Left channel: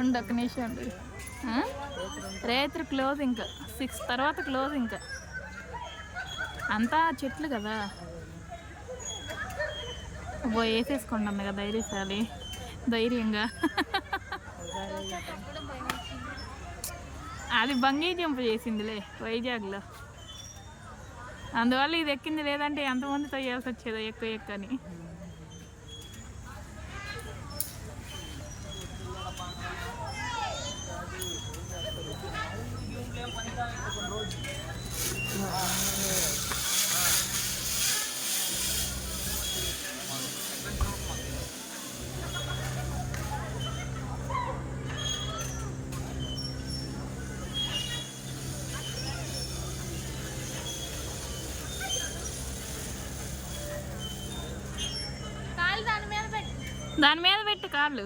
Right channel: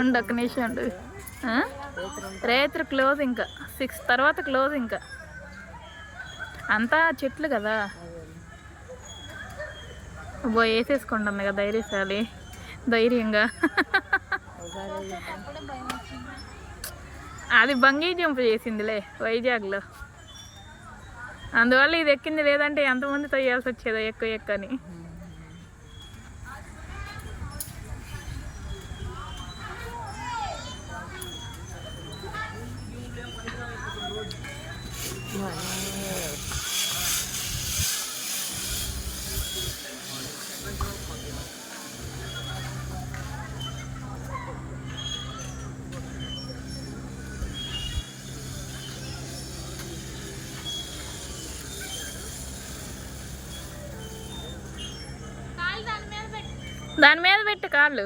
ఉండు ఒక్క నిమిషం ఉండు. రేత్రి క్లోజ్, ఇంకా 6 తర్వాత క్లోజ్. ఇంకా అంతా చెట్లు కదా, వేసేసుకుంటుంది కదా ధైర్యశాలి, ధైర్యంగా. అది బంగీ జంప్ చేసిందిలే వైజాగ్లో, అందువల్ల ఇది ఎక్కింది. లేదంటే ఎంతమంది తొయ్యాల్సి వచ్చేదో ఎక్కువ ఎక్కని. దాని మీద పెట్టు కాళ్ళు.